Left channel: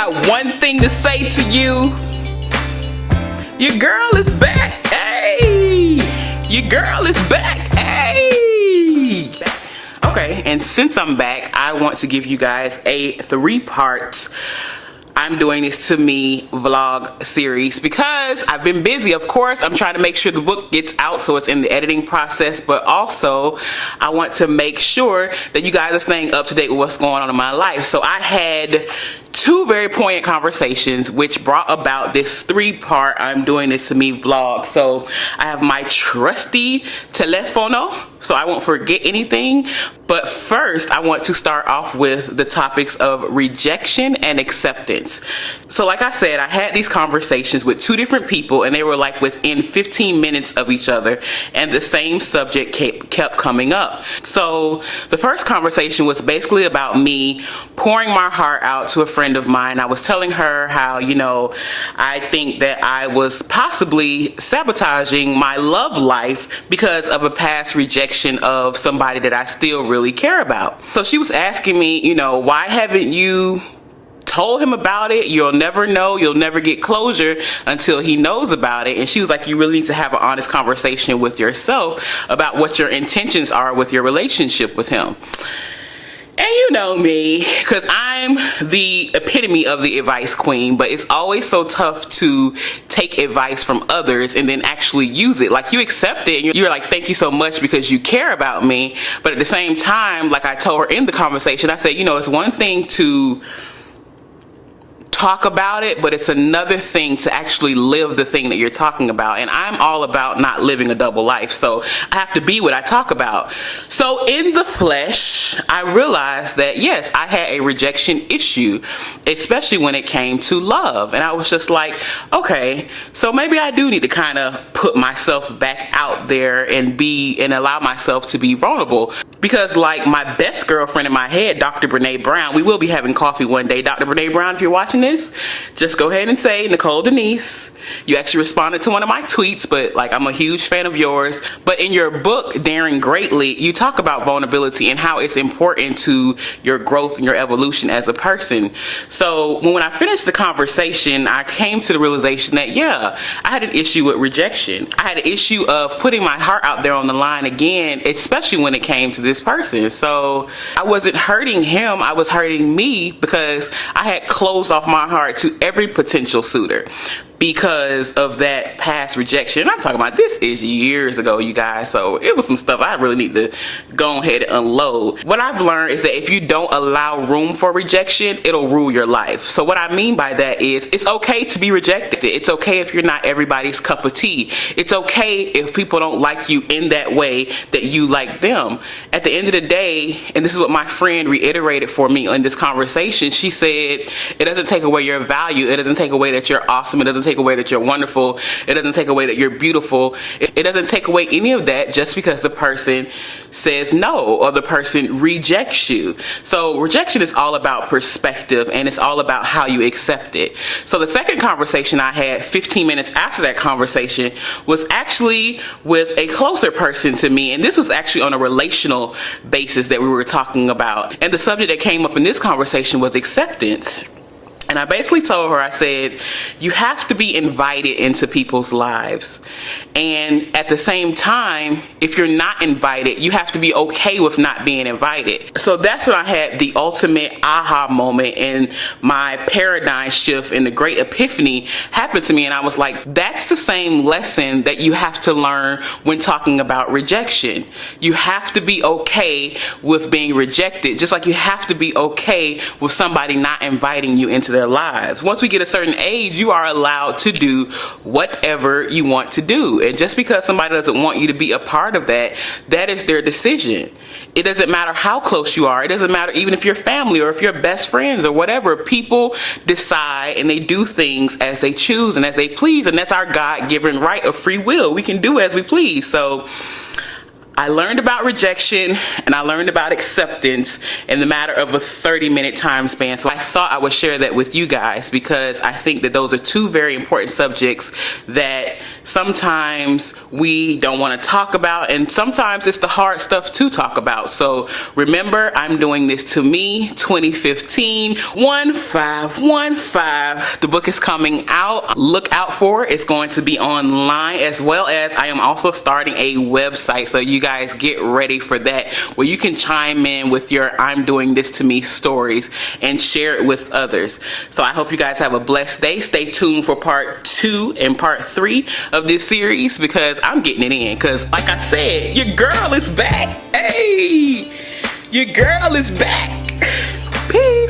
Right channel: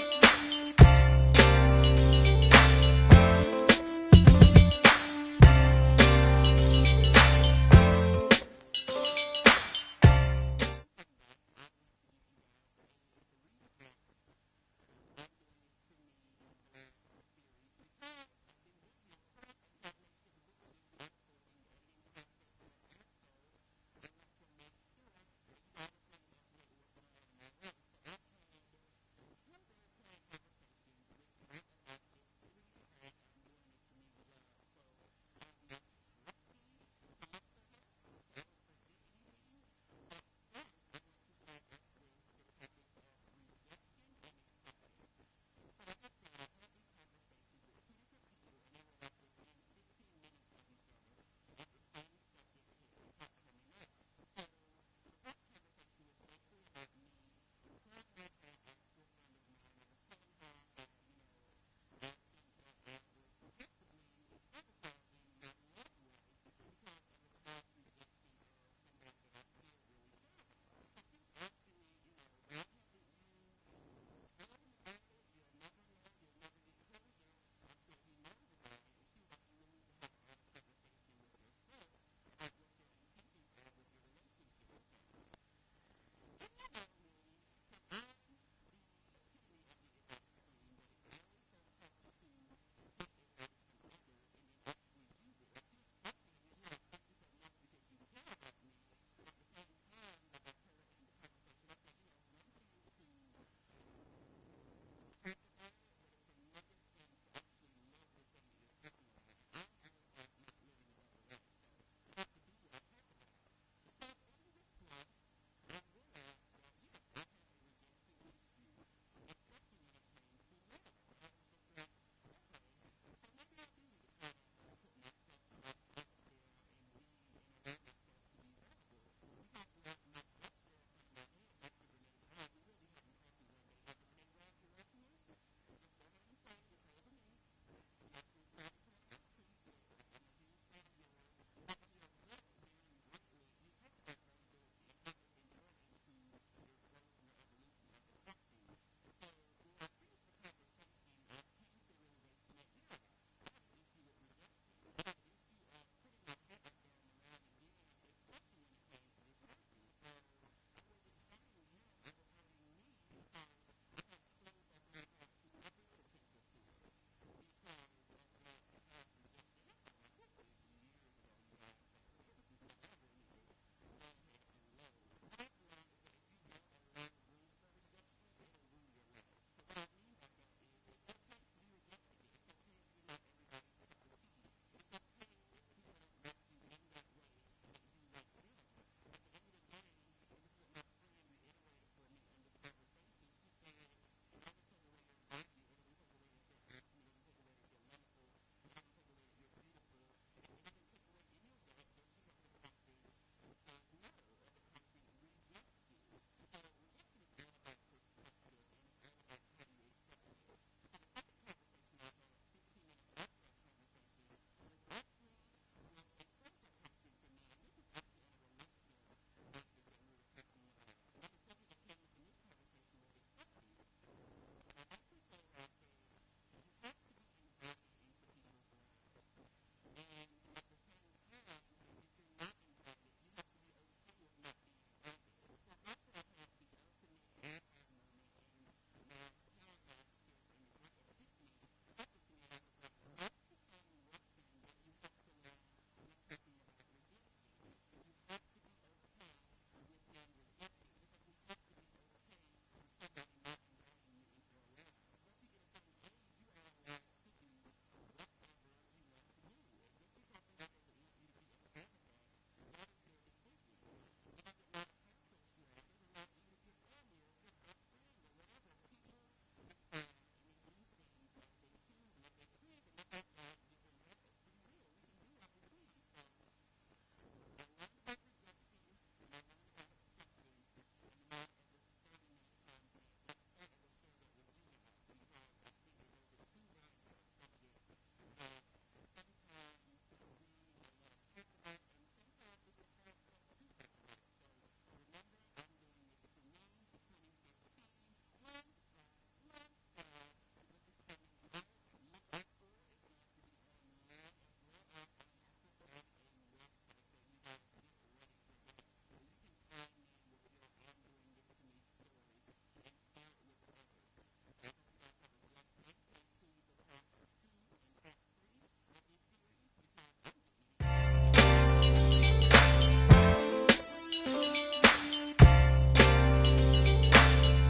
got one thing to say to you. Your girl is back. Hey, your girl is back. Hey. Okay, and since I'm back, I want to give you guys a 3-part I'm doing this to me vlog series because I've been busy. Of course, I'm trying to make sure the book gets out, so it's in the editing process, but also I want to make sure that you guys are staying up to date with what's going on in my life. So I had 2 very poignant conversations which brought about this 3-part I'm doing this to me vlog. So I have my trusty telefono so I won't forget anything. But first, I want to start off with the topics of rejection and acceptance. So like I said, I had these conversations with 2 different people and they were like within 15 minutes of each other, and the same subject kept coming up. So the first conversation was basically about me pouring my heart out to a friend of mine. I was telling her how, you know, I think that I was possibly sabotaging my love life because of a past rejection of somebody that I still really care about. So she was asking me, you know, why haven't you told him about it? You'll never know, you'll never get closure until he knows about it. And she was like, you really need to have an honest conversation with yourself about what your intentions are with your relationship with him. And you know me, because I'm the epitome of the advice queen, but it's always so tough to take advice from others and then actually use it. Like, you accept it and you're like, thank you so much because you care about me. But at the same time, like I told her in the conversation, I said, you know, it's one thing to talk about it, but it's another thing to actually live the thing that you're talking about. And I'm all about not living a double life, so I have to be what I talk about. So in the flesh, I realized that yes, I had a rejection issue, especially when it came to love. And I was just like, okay, so maybe I do need to kind of put myself back out there and allow myself to be vulnerable. Because like my best girlfriend in my head, Dr. Brene Brown, we will be having coffee one day. Dr. Brene Brown, if you're watching this, just go ahead and say, Nicole Denise, you actually responded to one of my tweets, but like, I'm a huge fan of yours. But in your book, Daring Greatly, you talk about vulnerability and how it's important to your growth and your evolution as a person. So when I finished the conversation, I came to the realization that, yeah, I had an issue with rejection. I had an issue of putting my heart out there on the line again, especially when it came to this person. So I wasn't hurting him, I was hurting me because I had closed off my heart to every potential suitor because of that past rejection. I'm talking about, this is years ago, you guys, so it was some stuff I really need to go ahead and unload. What I've learned is that if you don't allow room for rejection, it'll rule your life. So what I mean by that is, it's okay to be rejected. It's okay if you're not everybody's cup of tea. It's okay if people don't like you in that way that you like them. At the end of the day, and this is what my friend reiterated for me in this conversation, she said, it doesn't take away your value, it doesn't take away that you're awesome, it doesn't take away that you're wonderful, it doesn't take away that you're beautiful, it doesn't take away any of that just because the person says no or the person rejects you. So rejection is all about perspective, and it's all about how you accept it. So the second conversation I had 15 minutes after that conversation was actually with a closer person to me, and this was actually on a relational basis that we were talking about. And the subject that came up in this conversation was acceptance. And I basically told her, I said, you have to be invited into people's lives. And at the same time, if you're not invited, you have to be okay with not being invited. So that's when I had the ultimate aha moment, and my paradigm shift and the great epiphany happened to me. And I was like, that's the same lesson that you have to learn when talking about rejection. You have to be okay with being rejected, just like you have to be okay with somebody not inviting you into their lives. Once we get a certain age, you are allowed to do whatever you want to do. And just because somebody doesn't want you to be a part of that, that is their decision. It doesn't matter how close you are. It doesn't matter even if you're family or if you're best friends or whatever. People decide and they do things as they choose and as they please. And that's our God-given right of free will. We can do as we please. So I learned about rejection and I learned about acceptance in the matter of a 30-minute time span. So I thought I would share that with you guys because I think that those are two very important subjects that sometimes we don't want to talk about, and sometimes it's the hard stuff to talk about. So remember, I'm doing this to me 2015 1515. The book is coming out. Look out for it. It's going to be online, as well as I am also starting a website. So you guys get ready for that, where you can chime in with your I'm doing this to me stories and share it with others. So I hope you guys have a blessed day. Stay tuned for part 2 and part 3 of this series because I'm getting it in, because like I said, your girl is back. Hey, your girl is back. Peace.